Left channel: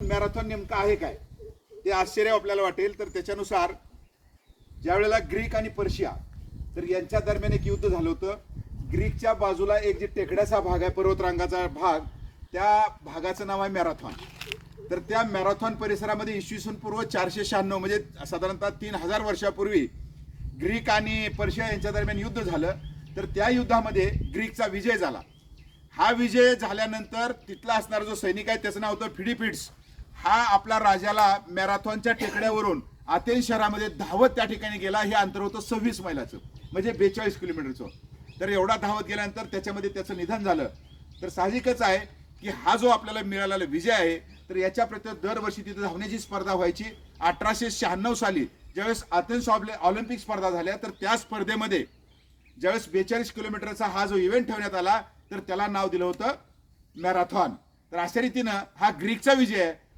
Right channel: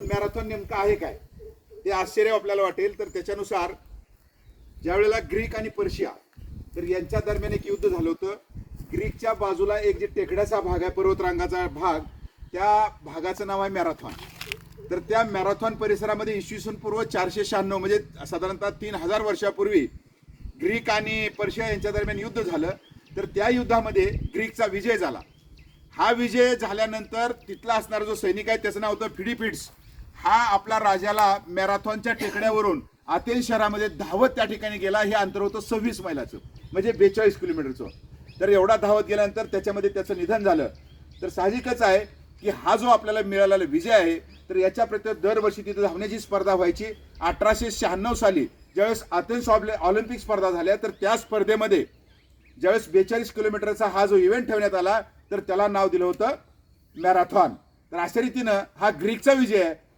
Marathon नेमकं आहे काय? हे आश्चर्य आपल्याला वाटेल. तर त्याच्यानुसार ज्यावेळेला ग्रीक आणि पर्शिया तर यांच्या दरम्यान एक युद्ध झालं होतं. ग्रीकच्या बाजूला एक जे टेकड्याचा भाग आहे पर्वतरांगाचा भाग त्या भागाचं नाव आहे मॅरेथॉन. तर त्या मॅरेथॉन परिसरामध्ये इसवी सन पूर्व चारशे शहाण्णव म्हणजे साधारणतः तीन हजार वर्षापूर्वी ग्रीक आणि पर्शिया यांच्या दरम्यान युद्ध झालं. तर त्या युद्धामध्ये ग्रीकचा विजय झाला. हा विजय झाल्यानंतर तिथला असणारा जो सैनिक आहे त्याचं नाव होतं फिडिपिड्स हा आपल्या राजाला मॅरेथॉनच्या टेकड्यावरून अथेन्स शहरामध्ये धावत त्या ठिकाणी गेला. हे अंतर होतं सव्वीस मैलाचं म्हणजे बेचाळीस किलोमीटरचं. तर एवढा धावत गेल्यानंतर त्याच्यामध्ये त्याचं निधन झालं. तर साहजिकच आहे की हा जो आपल्याला मिळालेला विजय आहे तर याच्याप्रती दरवर्षी तिथे धावण्याची स्पर्धा व्हायची. अठराशे शहाण्णव साली ज्यावेळेस अथेन्स ऑलिम्पिक स्पर्धा झाल्या तर त्या स्पर्धेमध्ये ज्यावेळेस बेचाळीस किलोमीटरचा हा जो इव्हेंट ठेवण्यात आला तर त्याला नाव दिलं होतं मॅरेथॉन. तर अशा रीतीनं हा ग्रीकचा विजय आहे.